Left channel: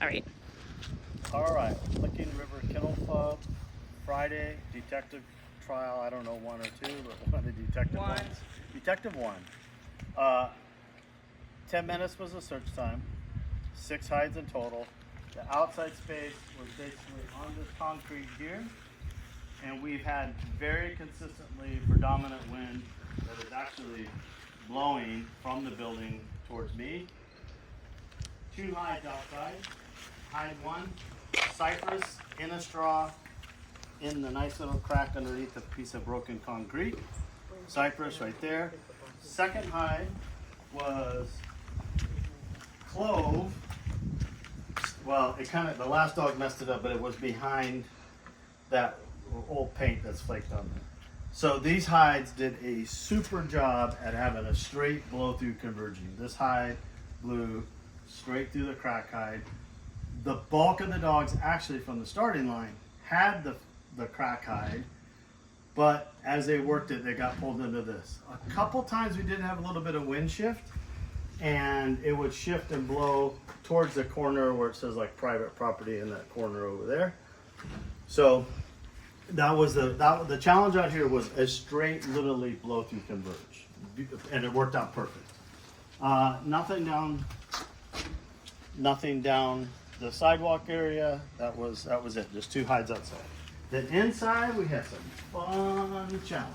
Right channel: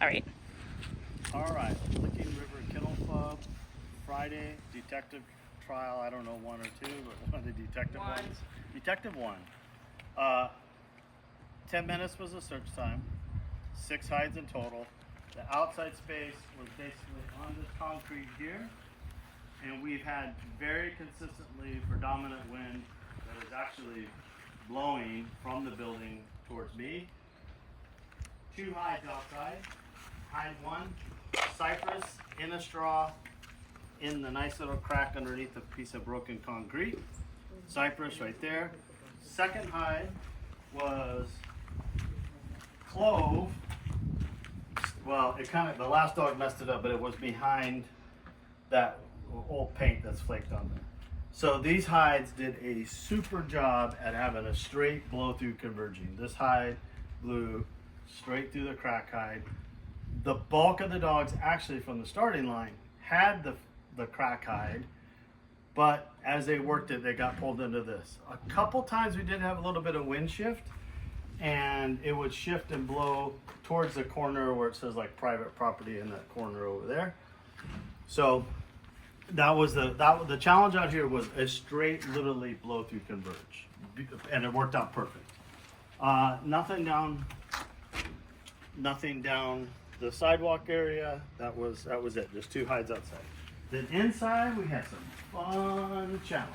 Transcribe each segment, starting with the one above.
All right. All right, Licking River Kennel Club, Friday, detective trial, I don't know, 1 or 2, but one of the detective ones. Detective 1. 10 minutes was the search time, 6 hides in total. The outside space was basically on this concrete here, and we've had very consistently predominant wind that is actually blowing from the building towards me. 2 hides outside. Hide 1, cypress in a straw in the nice little crack underneath a piece of broken concrete. Cypress right there. Second hide was clove. Well, the last dog messed it up, but it was behind that old paint that's flaked on there. So these hides did a super job at having a straight blow through converging. This hide blew straight through the crack hide. The bulk of the dogs actually from the starting line had the crack hide, but as they worked it, they got pulled into this. A couple times we did have a little bit of wind shift, and it would shift and blow towards the corner where it says like private property in that corner over there. So that was the challenge out here was a straight, literally blow through converge, and it worked out perfect. Nothing down the sidewalk area. That was it. Just 2 hides outside. Then inside we had some fun challenge.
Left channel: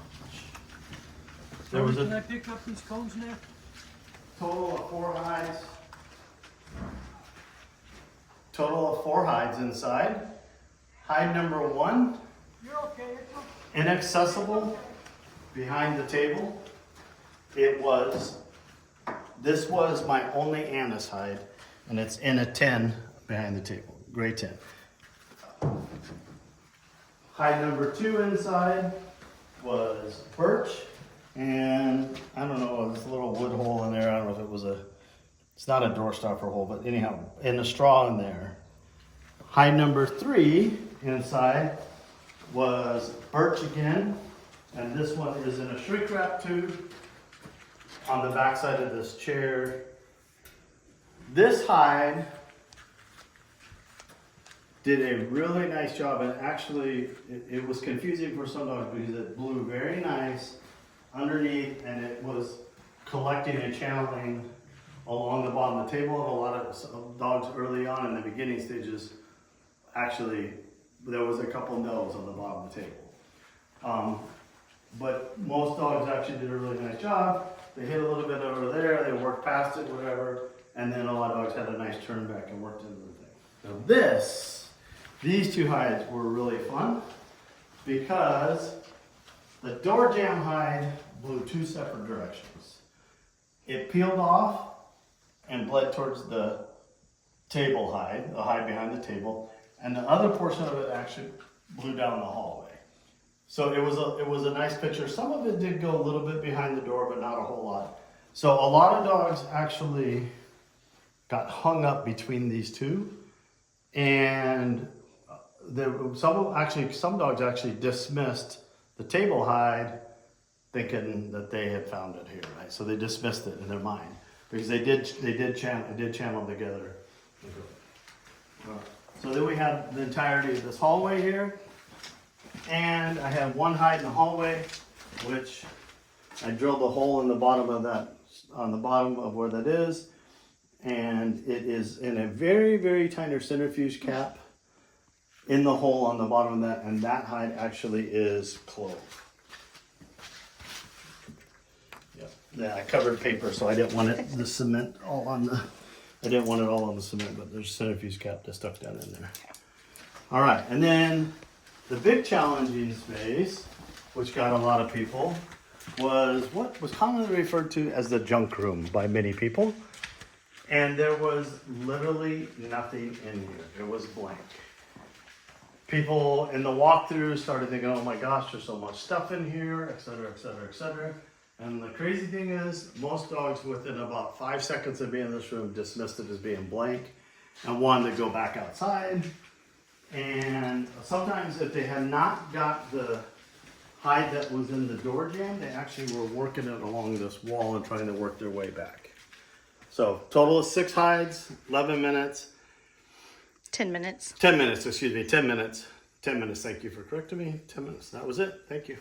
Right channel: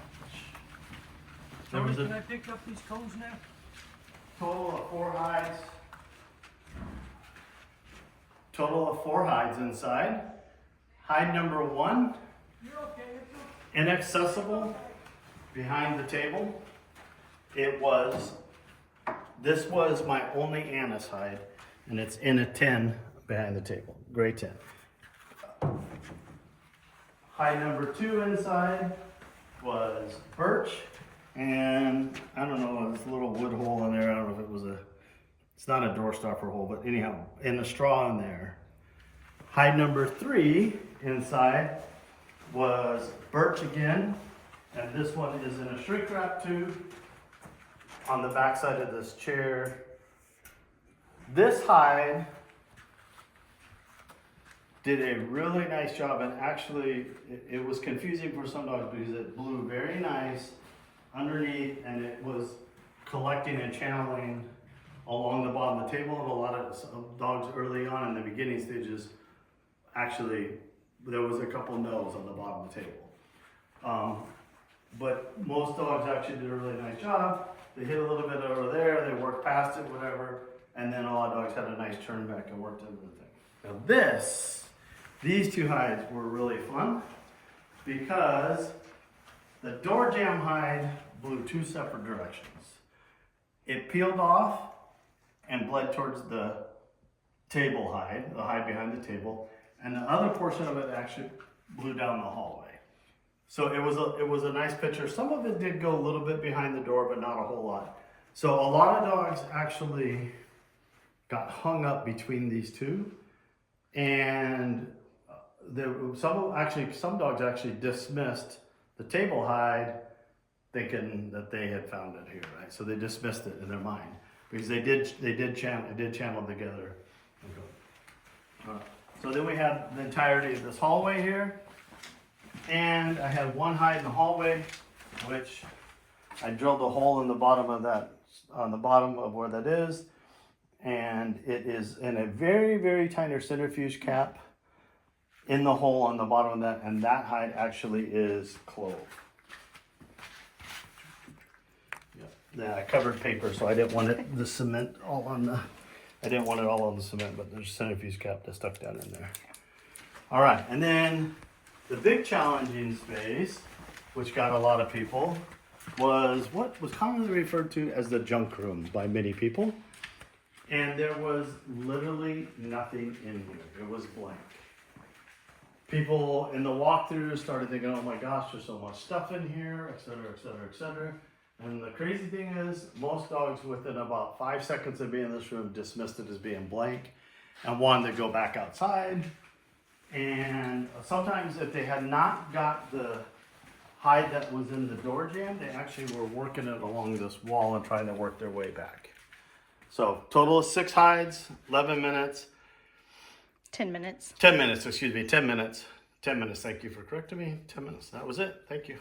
There was Can I pick up these cones now? total of 4 hides. Total of 4 hides inside. Hide number 1, You're okay. It's okay. inaccessible, behind the table. This was my only anise hide, and it's in a tin behind the table, gray tin. Hide number 2 inside was birch, and I don't know, there's a little wood hole in there. I don't know if it was it's not a door stopper hole, but anyhow, in the straw in there. Hide number 3 inside was birch again, and this one is in a shrink wrap tube on the back side of this chair. This hide did a really nice job, and actually it was confusing for some dogs because it blew very nice underneath, and it was collecting and channeling along the bottom of the table. And a lot of dogs early on in the beginning stages, actually there was a couple no's on the bottom of the table. But most dogs actually did a really nice job. They hit a little bit over there, they worked past it, whatever, and then a lot of dogs had a nice turn back and worked into the thing. Now these 2 hides were really fun because the door jamb hide blew 2 separate directions. It peeled off and bled towards the table hide, the hide behind the table, and the other portion of it actually blew down the hallway. So it was a nice picture. Some of it did go a little bit behind the door, but not a whole lot. So a lot of dogs actually got hung up between these 2, and some dogs actually dismissed the table hide, thinking that they had found it here, right? So they dismissed it in their mind because they did channel together. So then we have the entirety of this hallway here, and I have 1 hide in the hallway, which I drilled a hole in the bottom of that, on the bottom of where that is, and it is in a very, very tiny centrifuge cap in the hole on the bottom of that, and that hide actually is clove. Yeah, I covered paper, so I didn't want the cement all on the. I didn't want it all on the cement, but there's a centrifuge cap that's stuck down in there. All right, and then the big challenging space, which got a lot of people, was what was commonly referred to as the junk room by many people, and there was literally nothing in here. It was blank. People in the walkthrough started thinking, oh my gosh, there's so much stuff in here, et cetera, et cetera, et cetera. And the crazy thing is, most dogs within about 5 seconds of being in this room dismissed it as being blank and wanted to go back outside. And sometimes if they had not got the hide that was in the door jamb, they actually were working it along this wall and trying to work their way back. So total of 6 hides, 11 minutes. 10 minutes. 10 minutes, excuse me, 10 minutes. 10 minutes, thank you for correcting me. 10 minutes, that was it, thank you.